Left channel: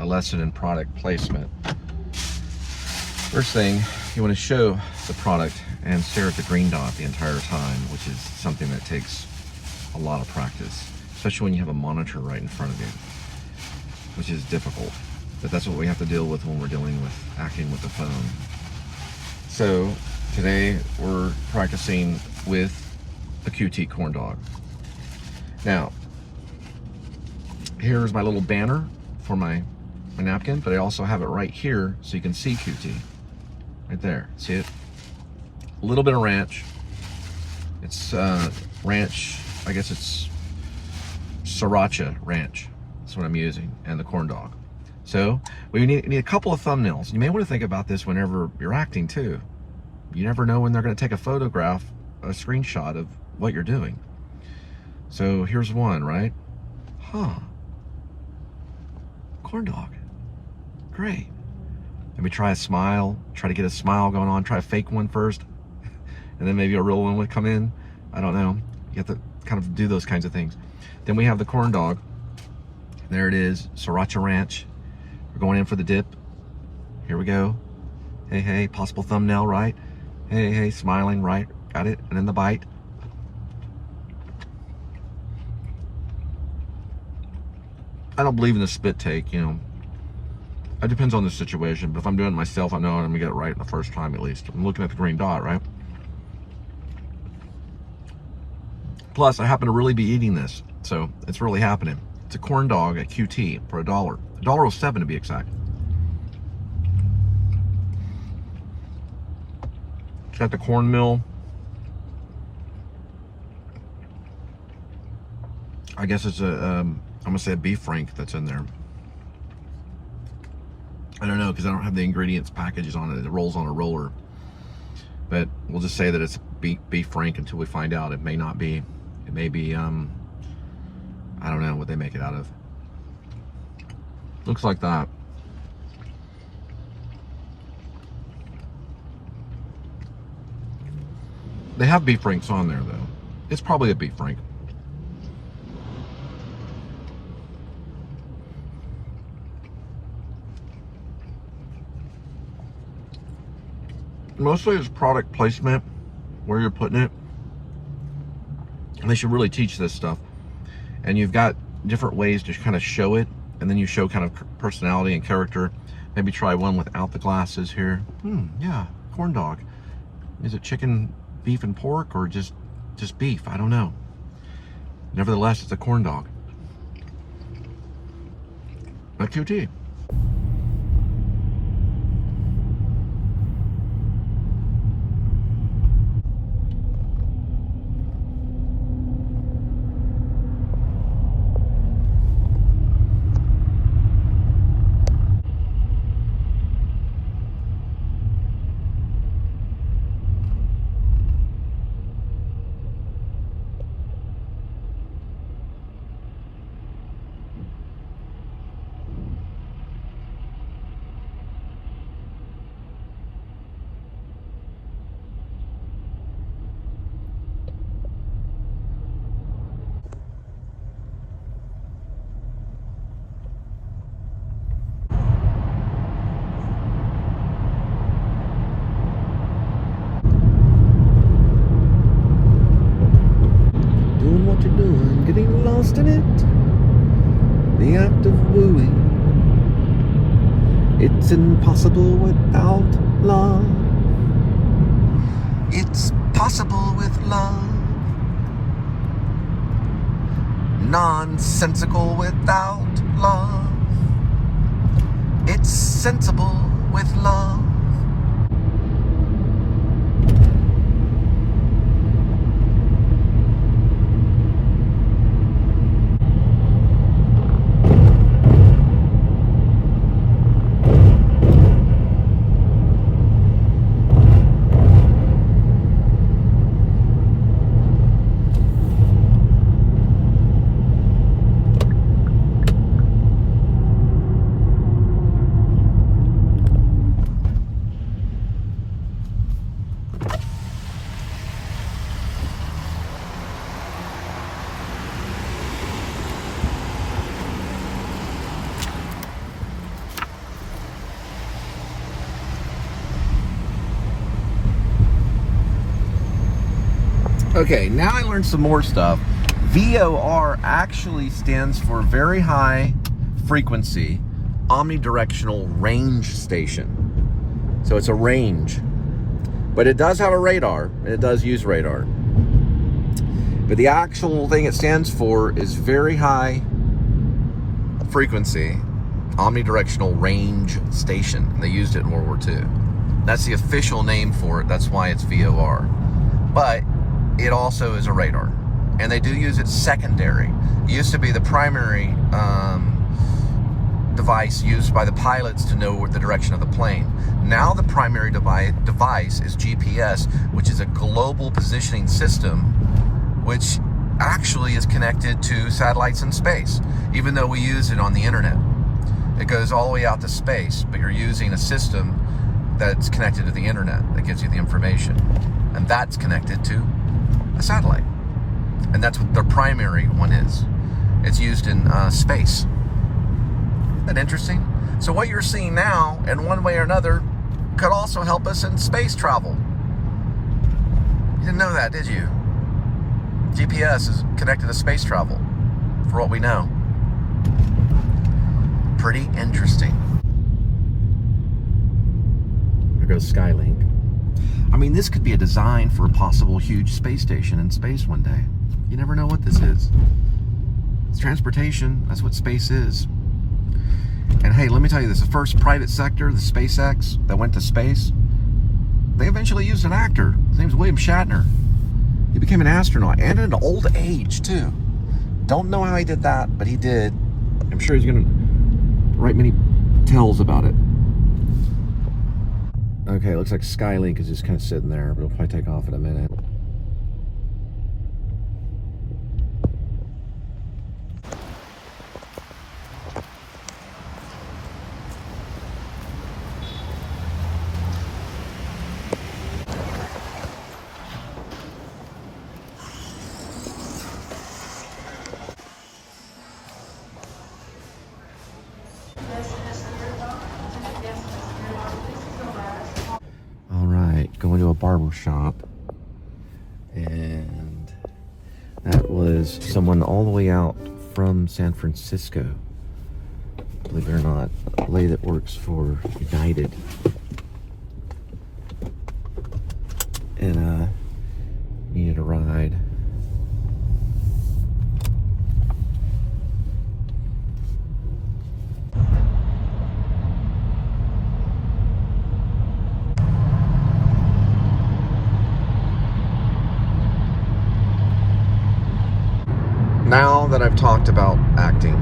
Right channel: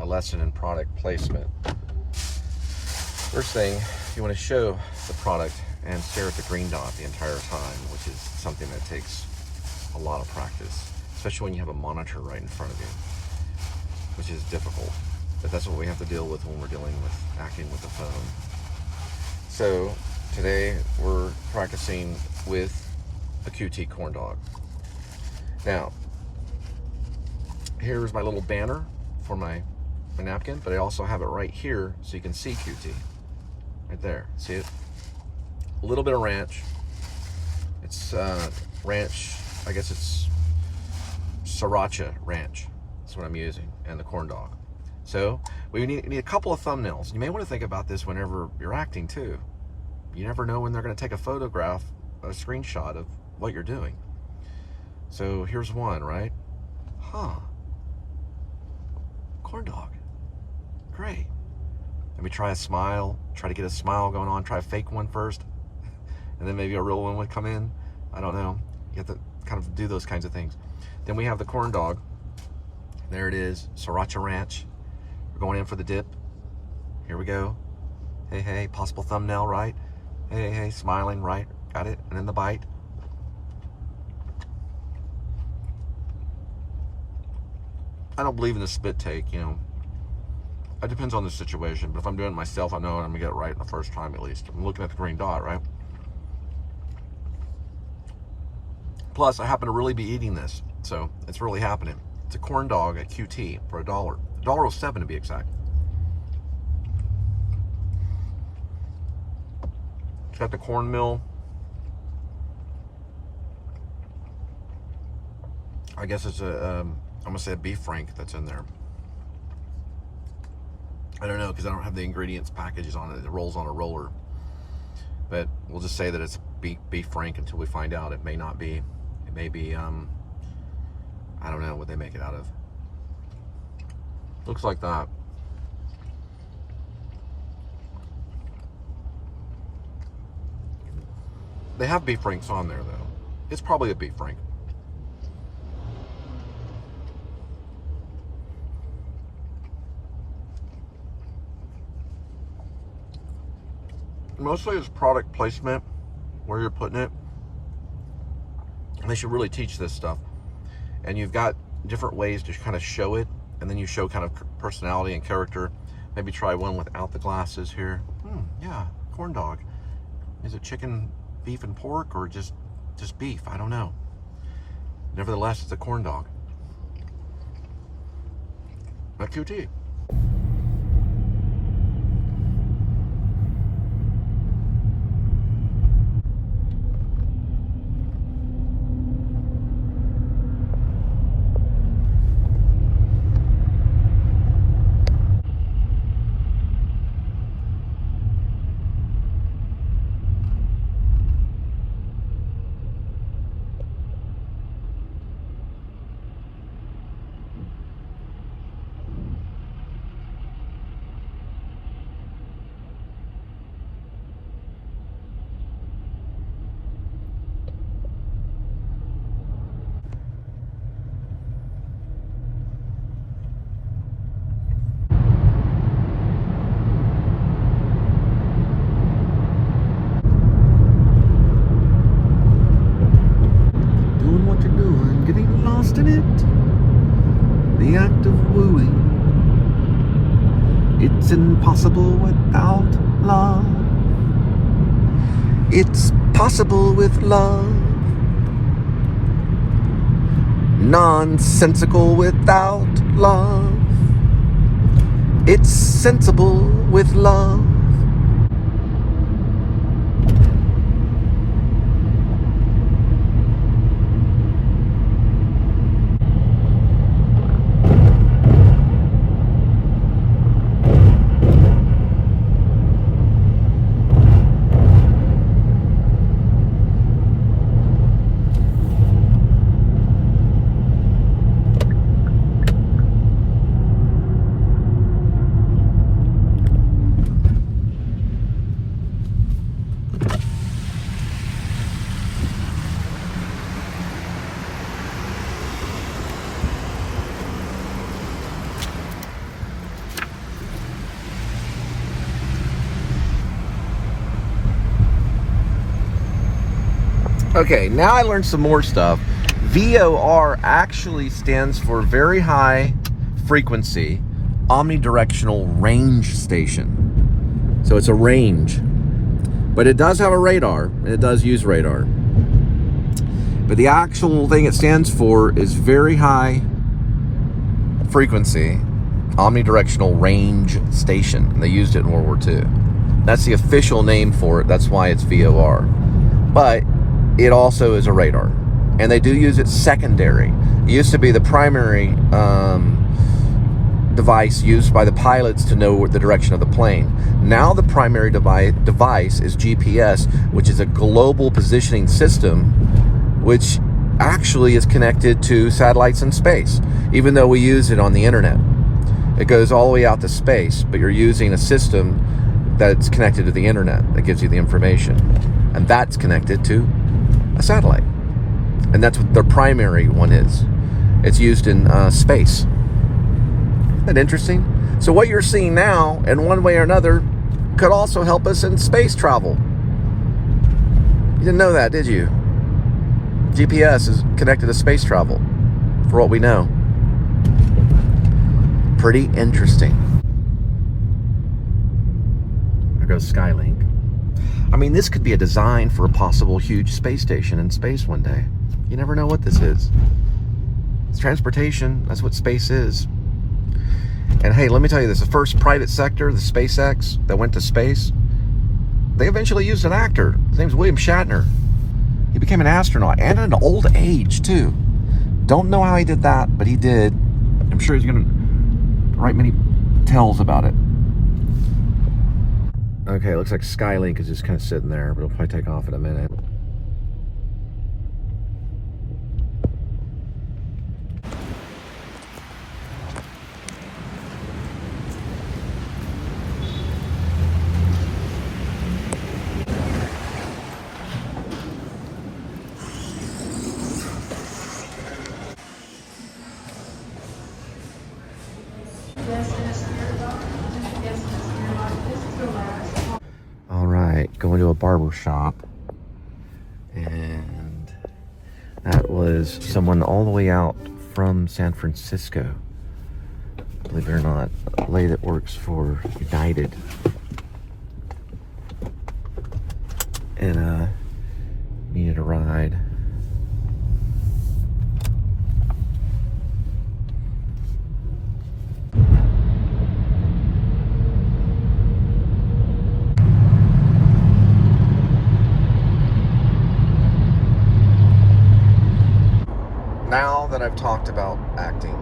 a lesson in product placement. First thing, you want to show the product and stare at the green dot the entire time, which is something that takes a lot of practice, especially when you have a monitor right in front of you, which is difficult. But that's what we have to deal with when we're dealing with acting with the phone. So today we're practicing with a QT corn dog. Now, here's my little banner for my napkin, but I also have it right here so you can see QT. Right there, see it? A little bit of ranch. It's ranch, I guess it's sriracha ranch. That's what I'm using, and the corn dog. So we need a couple of thumbnails. You may want to think about this whenever you're acting too. You never know when they're going to take a photograph, a screenshot of what you're doing. So here's one, right? Corn dog. Great. Maybe try a smile, try to get a smile going on, try a fake one first, and then maybe a real one would come in. I don't know. You have to kind of do those kinds of things. Then we have the corn dog. There it is, sriracha ranch. We're going in for the dip. Here we go. Hey, hey, possible thumbnail, right? Hey, hey, smiling, right? Got it. And then the bite. I don't believe in the spit take, you know. It depends on the situation, but if I'm doing it myself, I know I'm gonna get it right the first time at least. I'm looking at the green dot, right? Plus, I happen to really be eating this, so it's really happening. It's a corn dog at QT for $1. $1.07 to be exact. It's got the cornmeal. I guess it's a, I'm gonna say a beef frank that's in there. I don't know, because I don't have the ingredients packages on it. It rolls on a roller. But we'll just say that it's beef frank until we find out. It may not be. It may be, I don't know what they make it out of. Looks like that. They have beef franks on there, though. It's probably a beef frank. Mostly it's product placement, where you're putting it. And they should really teach this stuff. And you've got different ways to kind of show it, and then you show kind of personality and character. Maybe try one without the glasses here. Yeah, corn dog. Is it chicken, beef, and pork, or just beef? I don't know. Nevertheless, it's a corn dog. A QT. In it, the act of wooing. It's impossible without love. It's possible with love. Nonsensical without love. It's sensible with love. Okay, now I learned some more stuff. VOR actually stands for Very High Frequency Omnidirectional Range Station. So it's a range. But it does have a radar, and it does use radar. But the actual thing it stands for is Very High Frequency Omnidirectional Range Station. And they used it in World War II. That's the official name for it. That's why it's VOR. But it also is a radar. And they do use it secondary. It used to be the primary device used by the pilots to know the direction of the plane. Now the primary device is GPS, which is a global positioning system, which actually is connected to satellites in space, even though we use it on the internet. It goes all the way out to space, but you're using a system that's connected to the internet that gives you the information. And that's connected to a satellite. And that's what their primary one is. It's used in space. Isn't that interesting? So what you're seeing now, in one way or another, could also help us in space travel. You didn't know that, did you? GPS is connected to space travel, for what we know. Pretty interesting. There goes Skylink. I mean, this could be a design for a possible huge space station in space one day. You never know what this is. It's transportation. That's what space is. And hey, let me tell you this. The first private sector, the SpaceX, that went to space, they eventually used an actor. His name's William Shatner. He became an astronaut, and at an old age, too. Don't know how he did that, but he did. I'm sure he's going to write many tales about it. Okay, looks like Skylink is just kind of sitting there, but it'll probably take off in a minute. Going to a barber shop, and that was someone all the way out from San Francisco, believe it or not, a lady that works for United, and needed a ride. Now that I've talked about acting,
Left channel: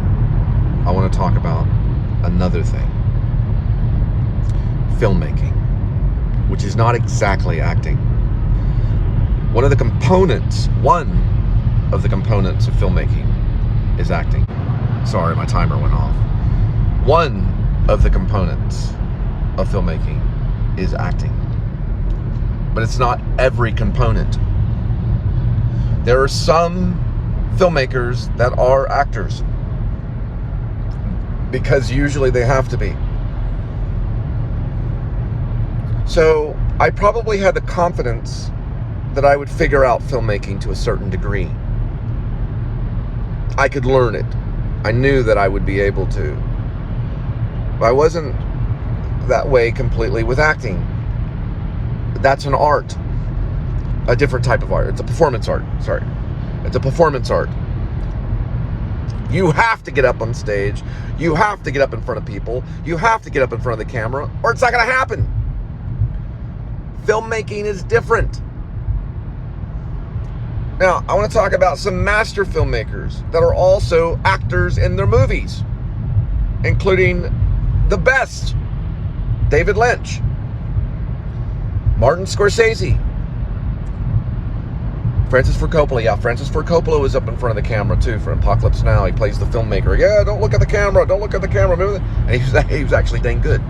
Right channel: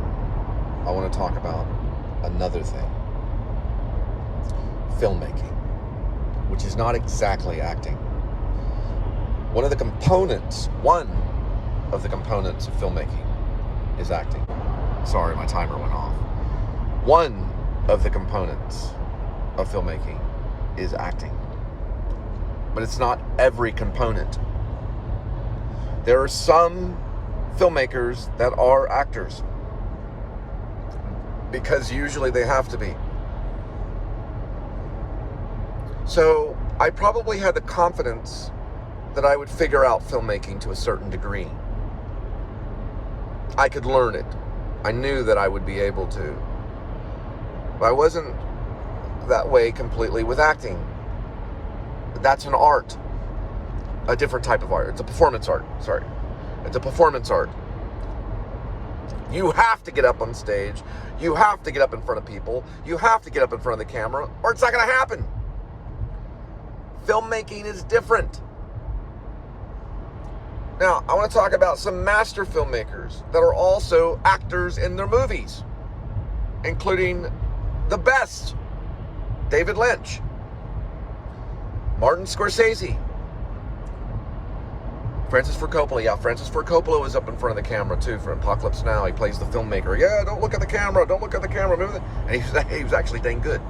I want to talk about another thing. Filmmaking, which is not exactly acting. One of the components of filmmaking is acting. Sorry, my timer went off. One of the components of filmmaking is acting. But it's not every component. There are some filmmakers that are actors, because usually they have to be. So I probably had the confidence that I would figure out filmmaking to a certain degree. I could learn it. I knew that I would be able to. But I wasn't that way completely with acting. That's an art. A different type of art. It's a performance art. Sorry. It's a performance art. You have to get up on stage. You have to get up in front of people. You have to get up in front of the camera, or it's not going to happen. Filmmaking is different. Now, I want to talk about some master filmmakers that are also actors in their movies, including the best, David Lynch, Martin Scorsese, Francis Ford Coppola. Yeah, Francis Ford Coppola was up in front of the camera too for Apocalypse Now. He plays the filmmaker. Yeah, don't look at the camera. Don't look at the camera. Remember that? And he was actually dang good.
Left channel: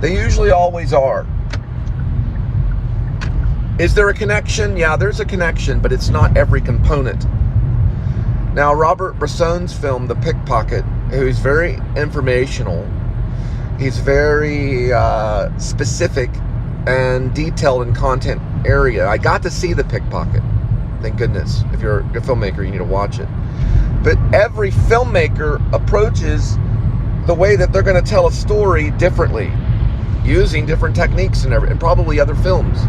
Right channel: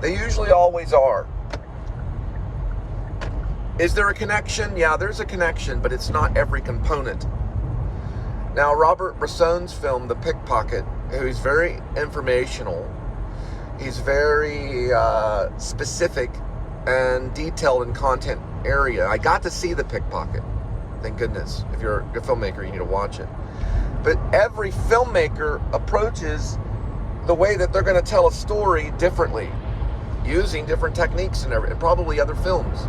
They usually always are. Is there a connection? Yeah, there's a connection, but it's not every component. Now, Robert Bresson's film, The Pickpocket, who's very informational, he's very specific and detailed in content area. I got to see The Pickpocket. Thank goodness. If you're a filmmaker, you need to watch it. But every filmmaker approaches the way that they're going to tell a story differently, using different techniques and probably other films.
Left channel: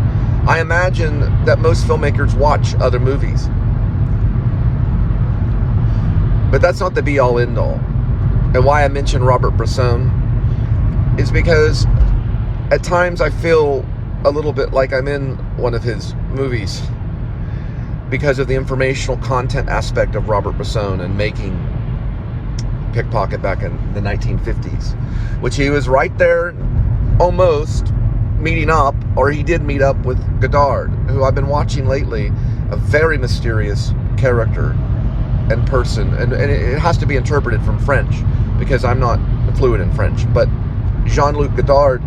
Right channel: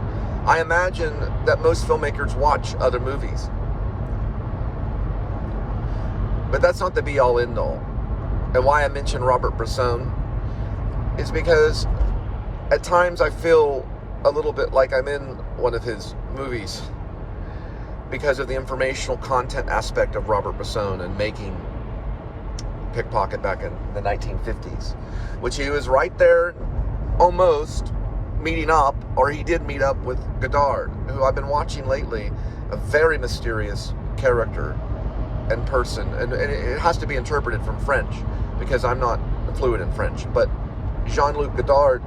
I imagine that most filmmakers watch other movies. But that's not the be-all, end-all. And why I mention Robert Bresson is because at times I feel a little bit like I'm in one of his movies because of the informational content aspect of Robert Bresson and making Pickpocket back in the 1950s, which he was right there almost meeting up, or he did meet up with Godard, who I've been watching lately, a very mysterious character and person, and it has to be interpreted from French because I'm not fluent in French, but Jean-Luc Godard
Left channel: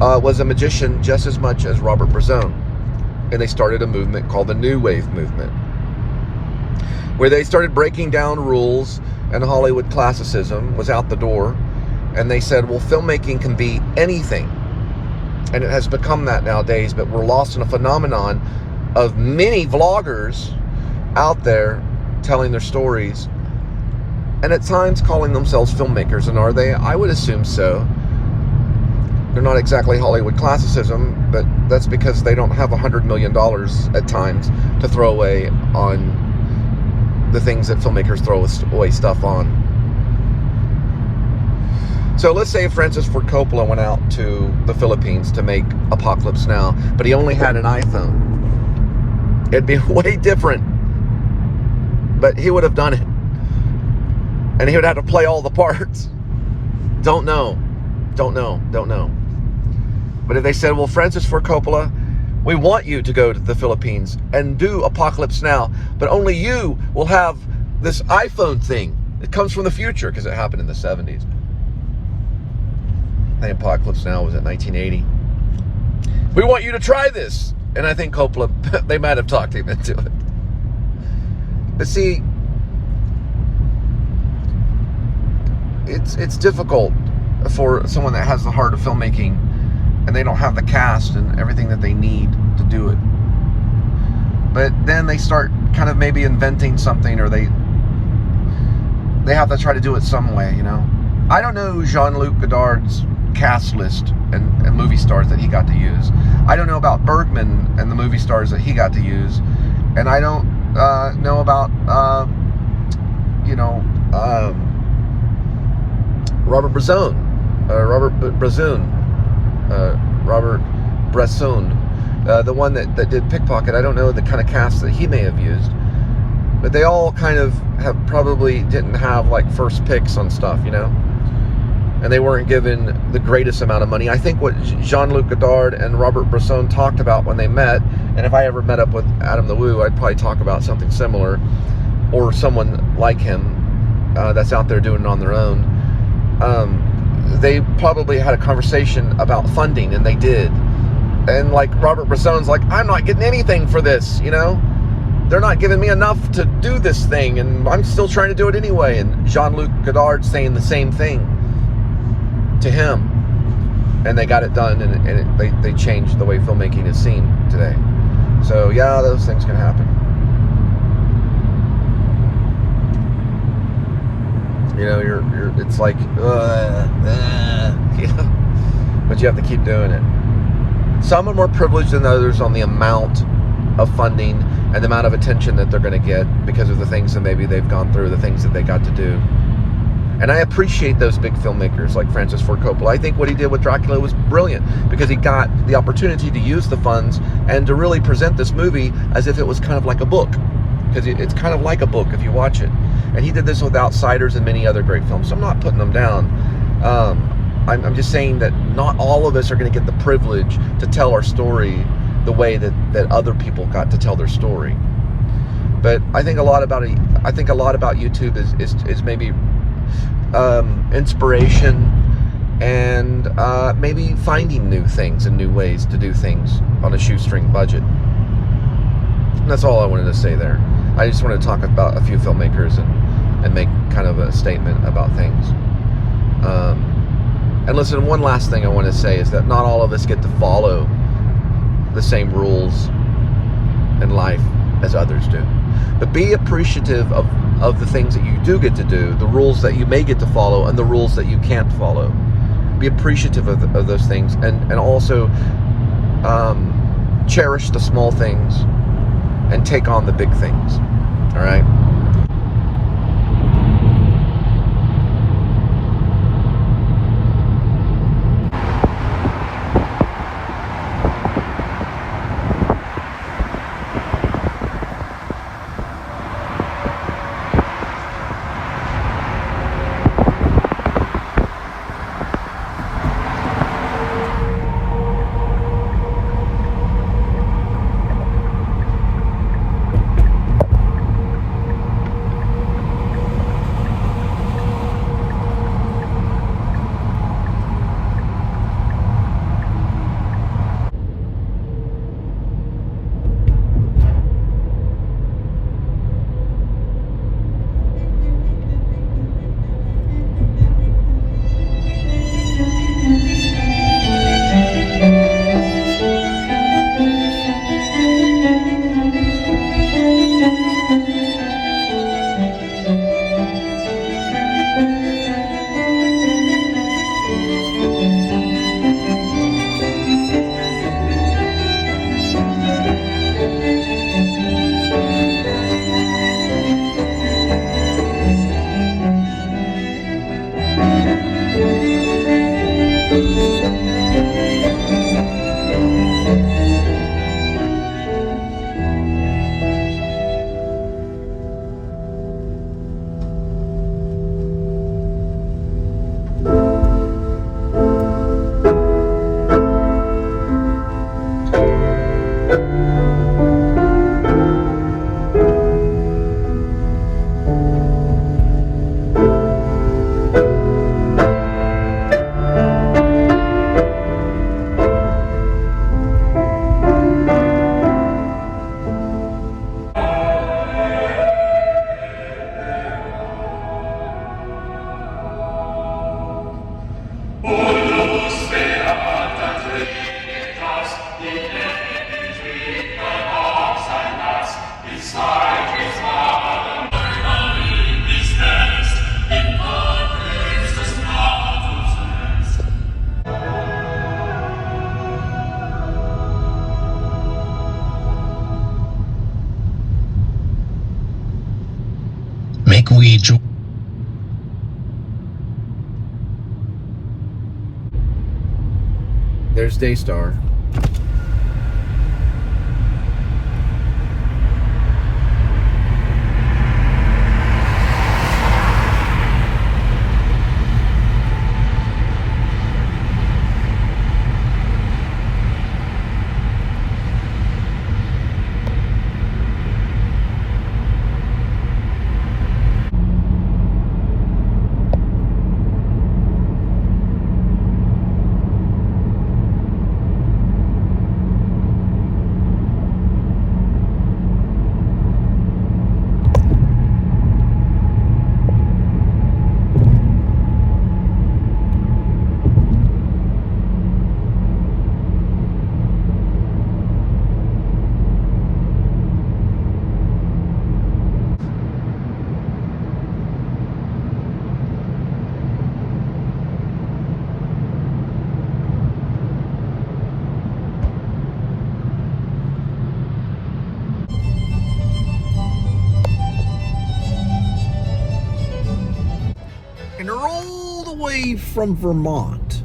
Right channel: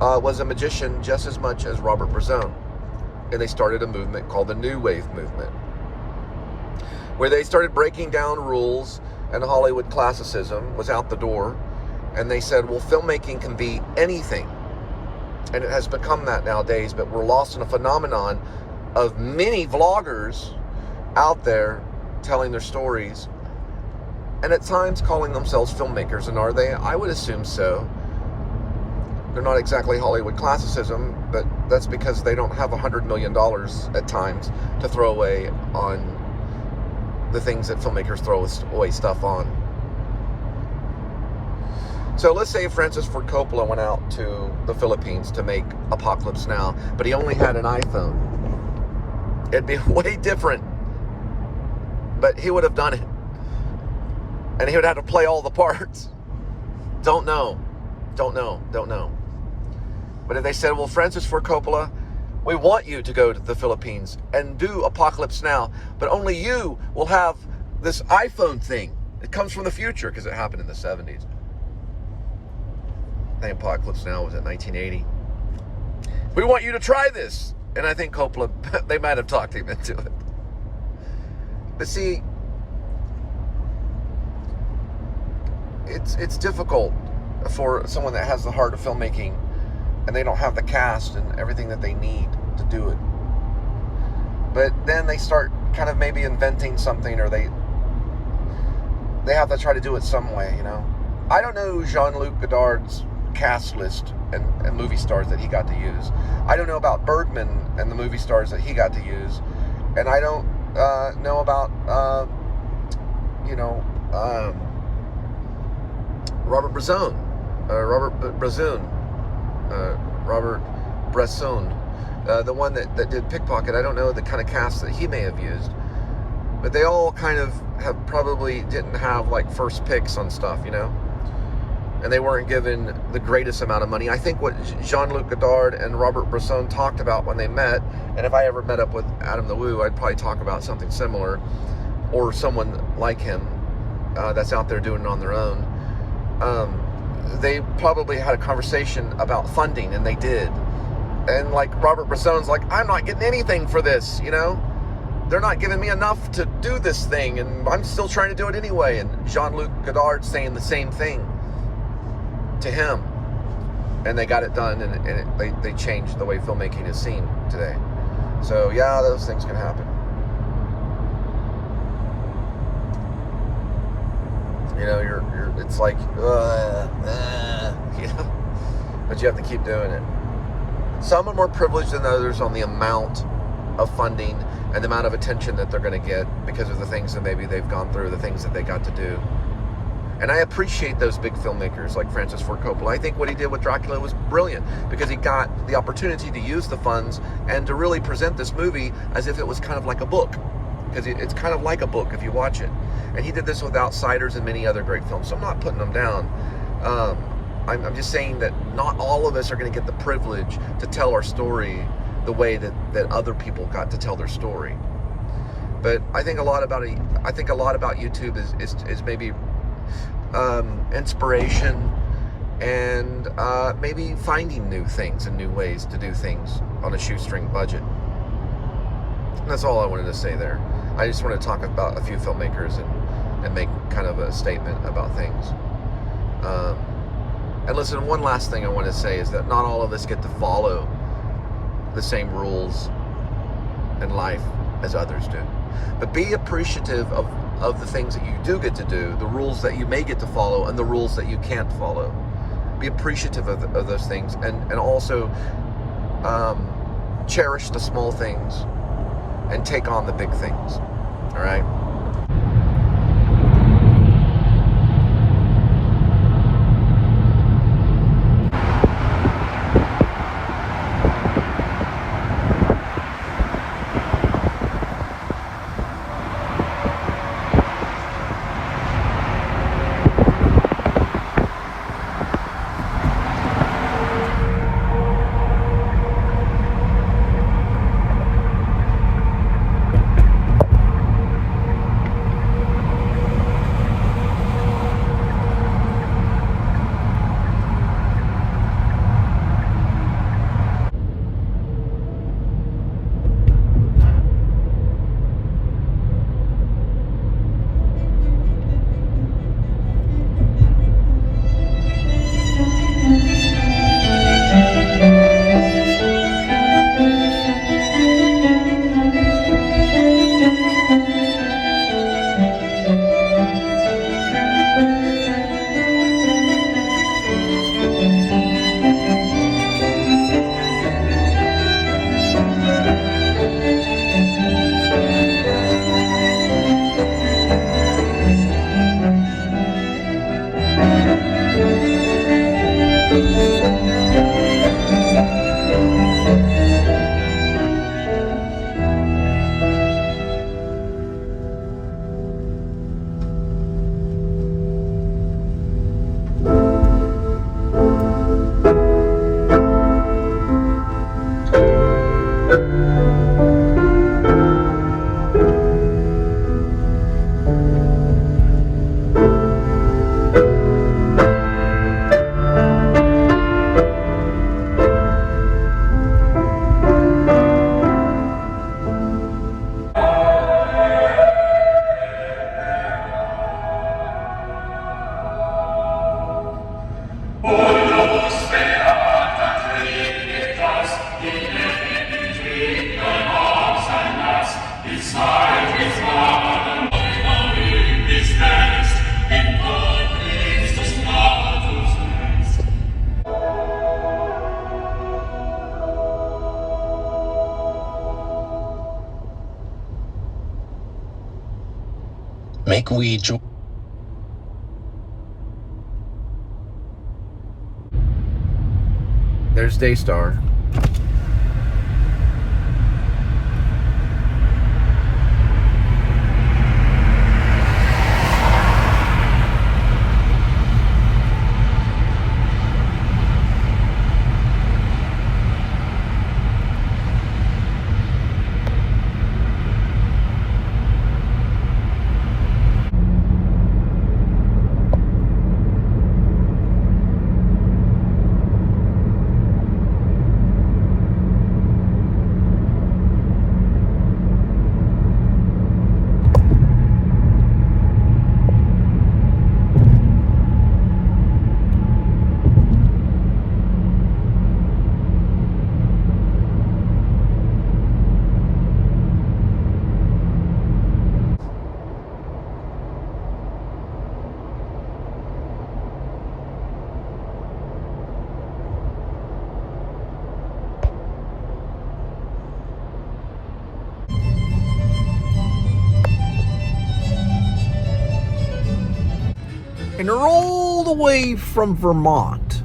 was a magician just as much as Robert Bresson, and they started a movement called the New Wave movement, where they started breaking down rules, and Hollywood classicism was out the door, and they said, well, filmmaking can be anything, and it has become that nowadays, but we're lost in a phenomenon of many vloggers out there telling their stories, and at times calling themselves filmmakers. And are they? I would assume so. They're not exactly Hollywood classicism, but that's because they don't have $100 million at times to throw away on the things that filmmakers throw away stuff on. So let's say Francis Ford Coppola went out to the Philippines to make Apocalypse Now, but he only had an iPhone. It'd be way different, but he would have done it. And he would have to play all the parts. Don't know. But if they said, well, Francis Ford Coppola, we want you to go to the Philippines and do Apocalypse Now, but only you will have this iPhone thing. It comes from the future because it happened in the 70s. I think Apocalypse Now was in 1980. We want you to try this. And I think Coppola, they might have talked him into it. But see, it's difficult for someone that has the heart of filmmaking and they don't have the cast and everything that they need to do it. But then they start kind of maybe inventing something, or they have to try to do it some way, you know. I don't know Jean-Luc Godard's cast list and movie stars that he got to use. I don't know about Bergman and the movie stars that he got to use. And I don't know about, Robert Bresson, the one that did Pickpocket. I don't know the kind of cast that he may have used, but they all kind of probably didn't have like first picks on stuff, you know, and they weren't given the greatest amount of money. I think what Jean-Luc Godard and Robert Bresson talked about when they met, and if I ever met up with A.D.W.C, I'd probably talk about something similar, or someone like him that's out there doing it on their own. They probably had a conversation about funding, and they did. And like Robert Bresson's like, I'm not getting anything for this, you know? They're not giving me enough to do this thing, and I'm still trying to do it anyway. And Jean-Luc Godard saying the same thing to him. And they got it done, and they changed the way filmmaking is seen today. So yeah, those things can happen. You know, it's like, you know, but you have to keep doing it. Some are more privileged than others on the amount of funding and the amount of attention that they're going to get because of the things that maybe they've gone through, the things that they got to do. And I appreciate those big filmmakers like Francis Ford Coppola. I think what he did with Dracula was brilliant because he got the opportunity to use the funds and to really present this movie as if it was kind of like a book, because it's kind of like a book if you watch it. And he did this with Outsiders and many other great films, so I'm not putting them down. I'm just saying that not all of us are going to get the privilege to tell our story the way that other people got to tell their story. But I think a lot about YouTube is maybe inspiration and maybe finding new things and new ways to do things on a shoestring budget. And that's all I wanted to say there. I just want to talk about a few filmmakers and make kind of a statement about things. And listen, one last thing I want to say is that not all of us get to follow the same rules in life as others do. But be appreciative of the things that you do get to do, the rules that you may get to follow, and the rules that you can't follow. Be appreciative of those things, and also cherish the small things and take on the big things. All right? Make we join. There's Daystar. And they're all the way from Vermont.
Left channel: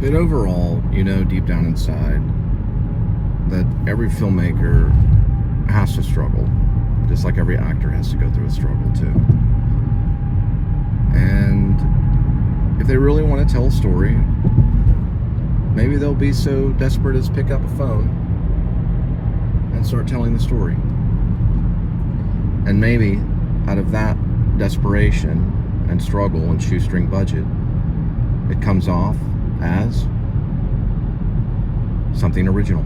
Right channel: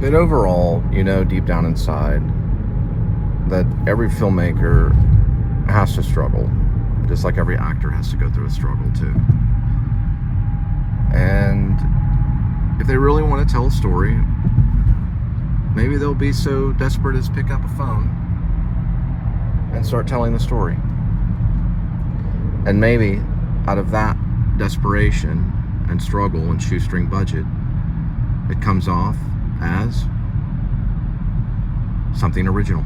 But overall, you know, deep down inside, that every filmmaker has to struggle, just like every actor has to go through a struggle too. And if they really want to tell a story, maybe they'll be so desperate as pick up a phone and start telling the story. And maybe out of that desperation and struggle and shoestring budget, it comes off as something original.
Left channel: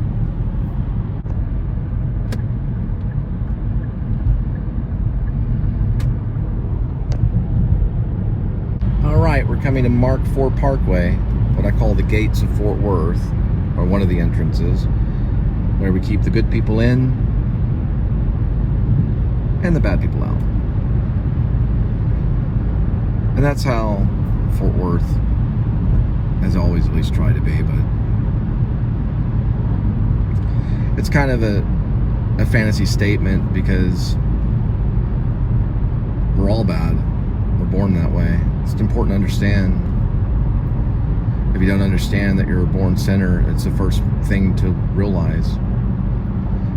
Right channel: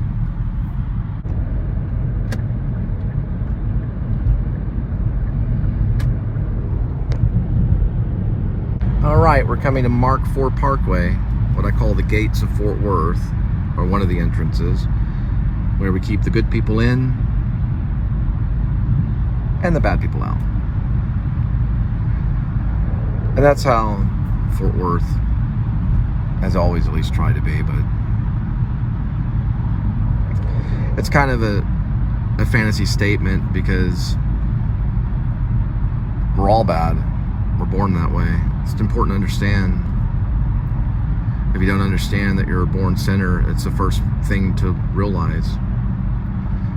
All right, we're coming to Mark IV Parkway, what I call the gates of Fort Worth, or one of the entrances, where we keep the good people in and the bad people out. And that's how Fort Worth has always at least tried to be, but it's kind of a fantasy statement because we're all bad. We're born that way. It's important to understand. If you don't understand that you're a born sinner, it's the first thing to realize.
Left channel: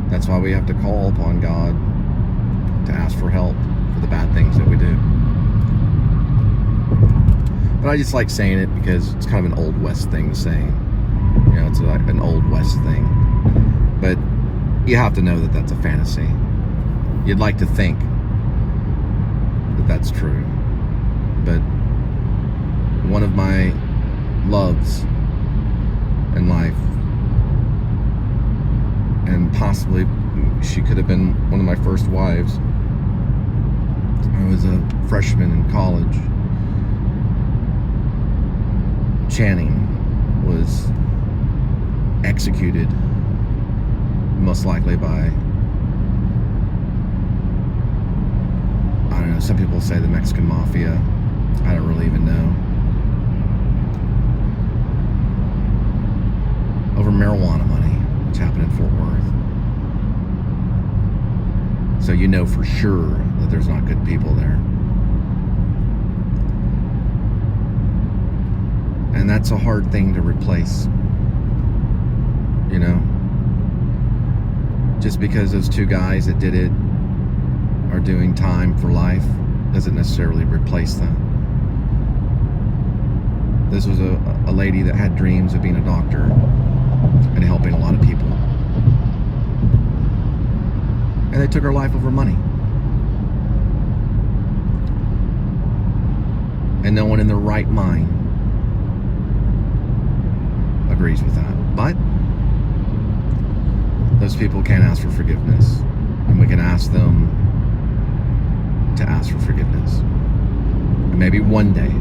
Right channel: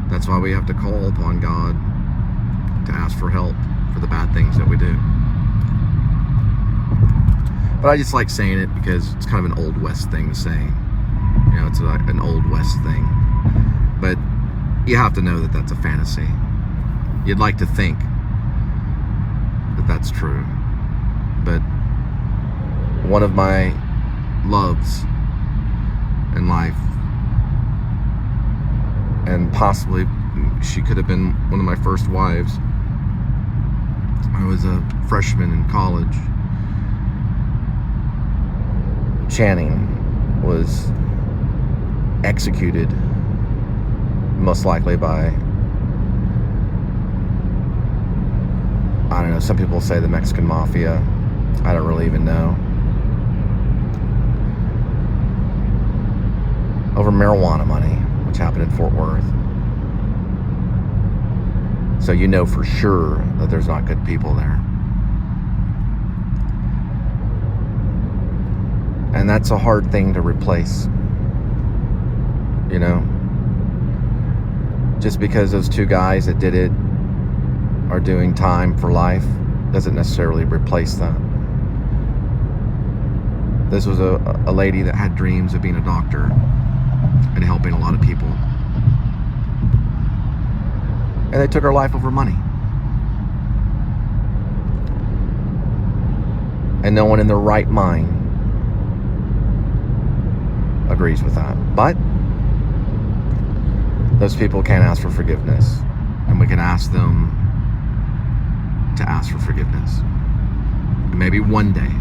That's why we have to call upon God to ask for help for the bad things that we do. But I just like saying it because it's kind of an Old West thing to say. You know, it's like an Old West thing. But you have to know that that's a fantasy. You'd like to think that that's true. But one of my loves in life, and possibly she could have been one of my first wives. I was a freshman in college. Channing was executed, most likely by, I don't know, some people say the Mexican Mafia. I don't really even know. Over marijuana money, which happened in Fort Worth. So you know for sure that there's not good people there. And that's a hard thing to replace. You know? Just because those two guys that did it are doing time for life doesn't necessarily replace that. This was a lady that had dreams of being a doctor and helping a lot of people. And they took her life over money. And no one in their right mind agrees with that. But those people can't ask for forgiveness. And we can ask them to ask for forgiveness. And maybe one day,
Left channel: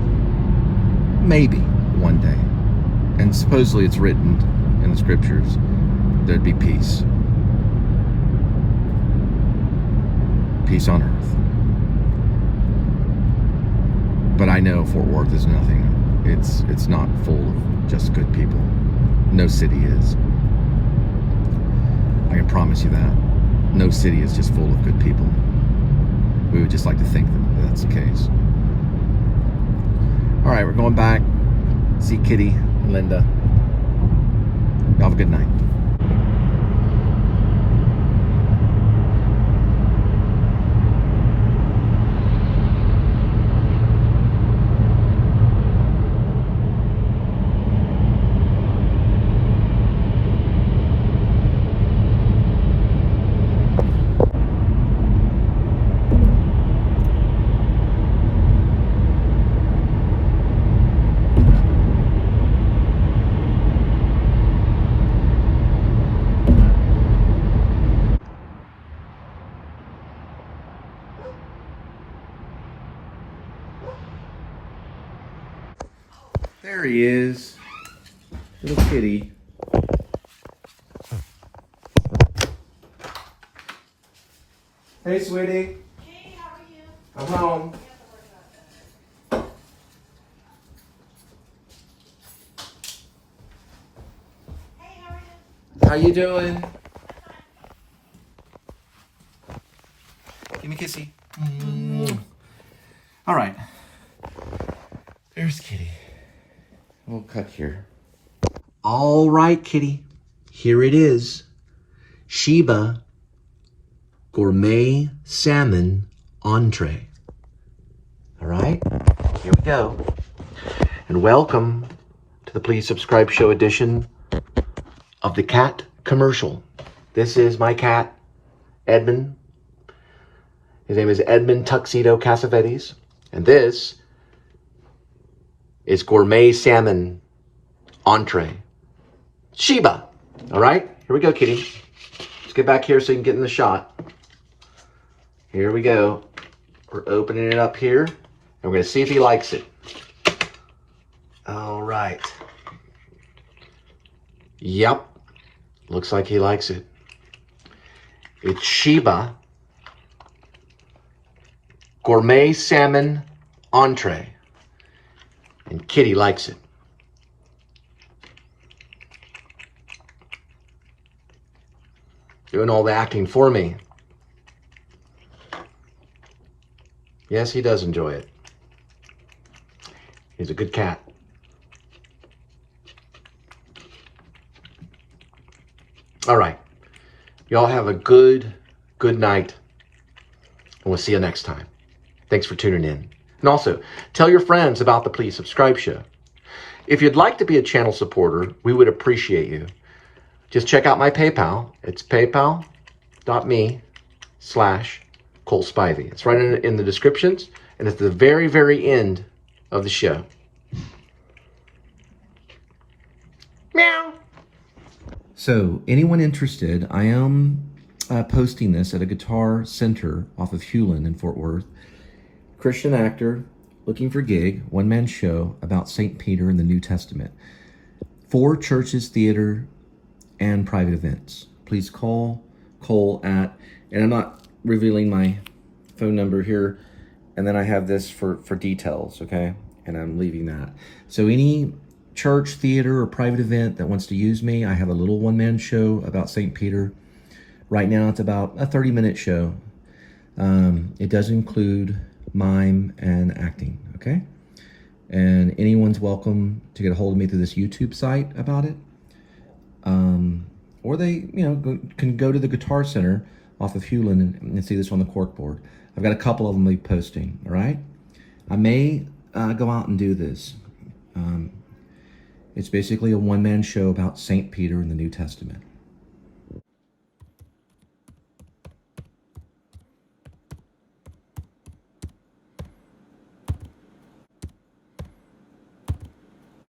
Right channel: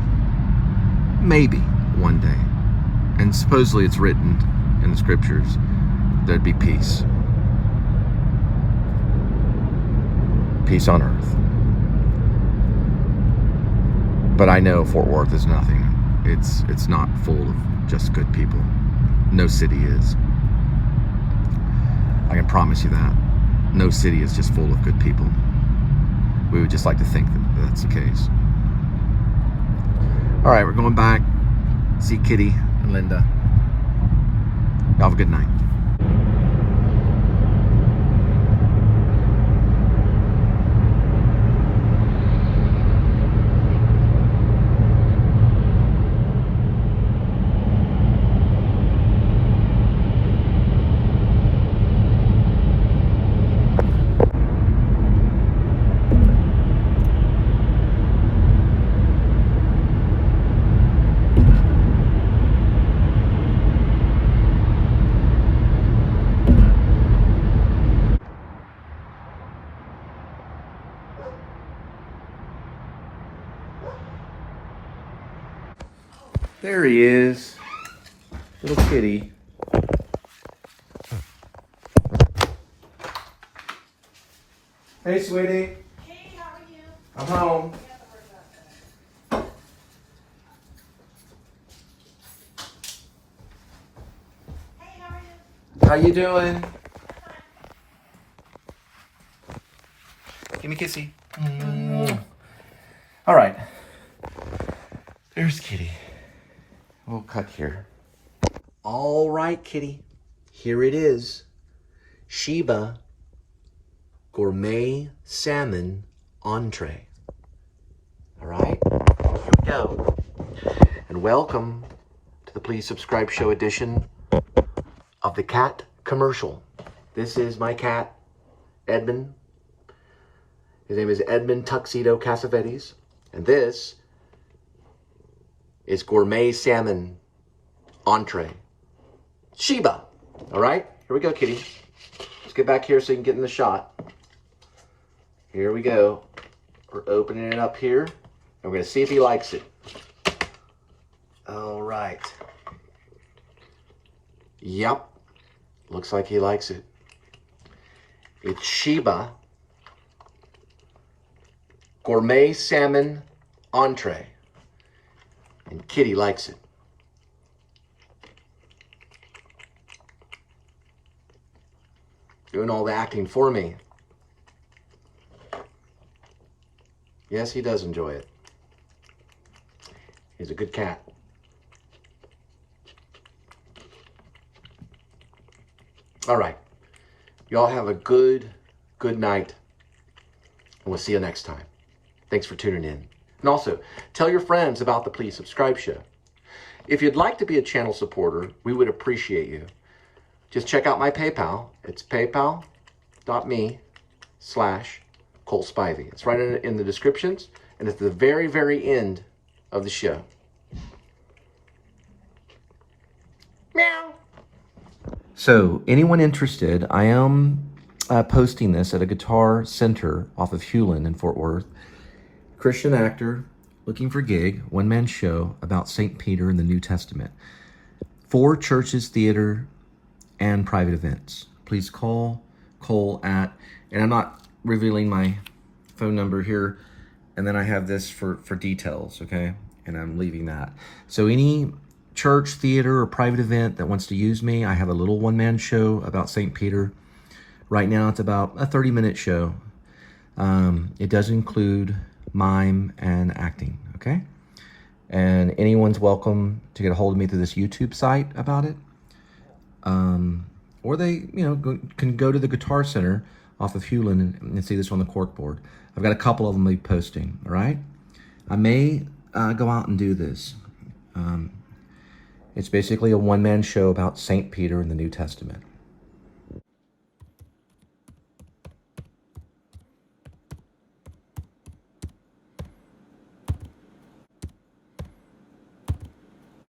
and supposedly it's written in the scriptures, there'd be peace. Peace on earth. But I know Fort Worth is nothing. It's not full of just good people. No city is. I can promise you that. No city is just full of good people. We would just like to think that that's the case. All right, we're going back. See Kitty and Linda. Have a good night. There he is, little kitty. Hey, sweetie. Hey, how are you? I'm home. Hey, how are you? How you doing? Give me a kissy. All right. There's Kitty. We'll cut here. All right, kitty. Here it is. Sheba Gourmet Salmon Entree. All right, here we go. And welcome to the Please Subscribe Show edition of the cat commercial. This is my cat, Edmund. His name is Edmund Tuxedo Cassavetes. And this is Gourmet Salmon Entree. Sheba. All right, here we go, kitty. Let's get back here so you can get in the shot. Here we go. We're opening it up here. And we're going to see if he likes it. All right. Yep. Looks like he likes it. It's Sheba Gourmet Salmon Entree. And Kitty likes it. Doing all the acting for me. Yes, he does enjoy it. He's a good cat. All right. Y'all have a good night. And we'll see you next time. Thanks for tuning in. And also, tell your friends about the Please Subscribe Show. If you'd like to be a channel supporter, we would appreciate you. Just check out my PayPal. It's paypal.me/Cole Spivey. It's right in the descriptions, and it's the very, very end of the show. Meow. So, anyone interested, I am posting this at a guitar center off of Hewlin in Fort Worth. Christian actor, looking for gig, one-man show about St. Peter in the New Testament. 4 churches, theater, and private events. Please call Cole at, and I'm not revealing my phone number here, and then I have this for details, okay? And I'm leaving that. So any church, theater, or private event that wants to use me, I have a little one-man show about St. Peter. Right now it's about a 30-minute show. It does include mime and acting, okay? And anyone's welcome to get a hold of me through this YouTube site about it. Or they, can go to the Guitar Center off of Hewlin and see this on the corkboard. I've got a couple of them I'll be posting, all right? I may go out and do this. It's basically a one-man show about St. Peter in the New Testament.